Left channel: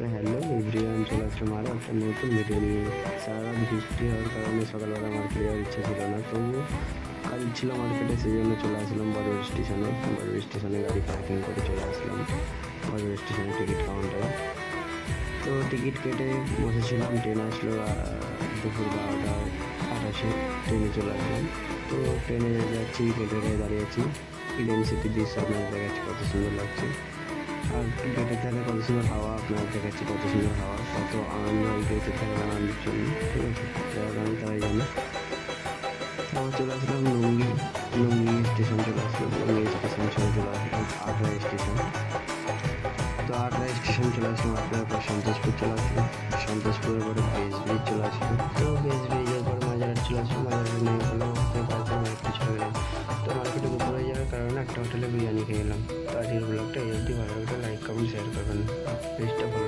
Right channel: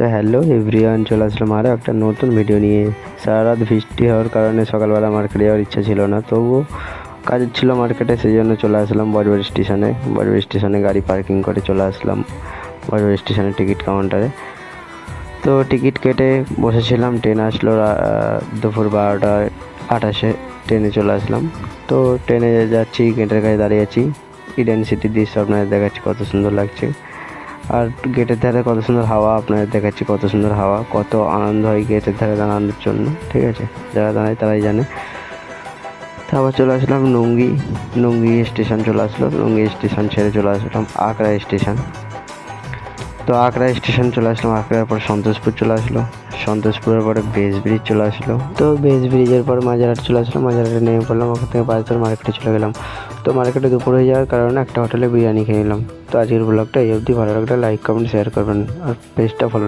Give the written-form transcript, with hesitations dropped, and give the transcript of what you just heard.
তো hello everyone, চলে আসলাম আরও একটা নতুন ভিডিও নিয়ে। সারা রাত বৃষ্টি হওয়ার কারণে সকালবেলা মার্কেটে যাওয়ার ইচ্ছা ছিল না, তবুও কাজ ছিল মার্কেটে, সেই জন্য চলে আসলাম বজবজ স্টেশনে। বজবজ স্টেশনে গাড়ি পার্কিং করে চলে আসলাম বজবজ স্টেশনের টিকিট কাউন্টারে। তো টিকিট কেটে বসেছিলাম, ট্রেন আসলো দুপুর 12:28 ট্রেনে চলে আসলাম। তো ট্রেনে যাচ্ছি, গেটের কাছে দাঁড়িয়ে আছি। ইডেন সিটির দৃশ্য আপনাদের দেখাচ্ছি, কত সুন্দর লাগছে। আর গেটের ধারে কত সুন্দর হাওয়া, আপনাদের দেখাচ্ছি কত সুন্দর হাওয়া, কত আনন্দ হয় গেটের ধারে দাঁড়ানোর জন্য। ঠিক আছে, যারা দাঁড়ায় তারাই জানে। তারপর চলে আসলাম নুঙ্গি স্টেশন চলে আসলো। নুঙ্গি স্টেশন ছেড়ে চলে আসলাম আকরা স্টেশন। তো আকরা স্টেশন চলে আসলাম, আকরার পর সন্তোষপুর চলে আসলো, সন্তোষপুরের পরে বেস ব্রিজ চলে আসলো। তো বেস ব্রিজের পর মাঝেরহাট চলে আসলাম, মাঝেরহাটে নেমে পড়লাম। ওখান থেকে বাজার মার্কেটে চলে গেলাম। তো মার্কেটে দুপুর হয়ে যাওয়ার কারণে একটা হোটেলে বিরিয়ানি খেয়ে নিলাম। তো আজকের ব্লগটা এই অবধি। ভালো লাগলে লাইক কমেন্ট শেয়ার করবেন আর পেজটা ফলো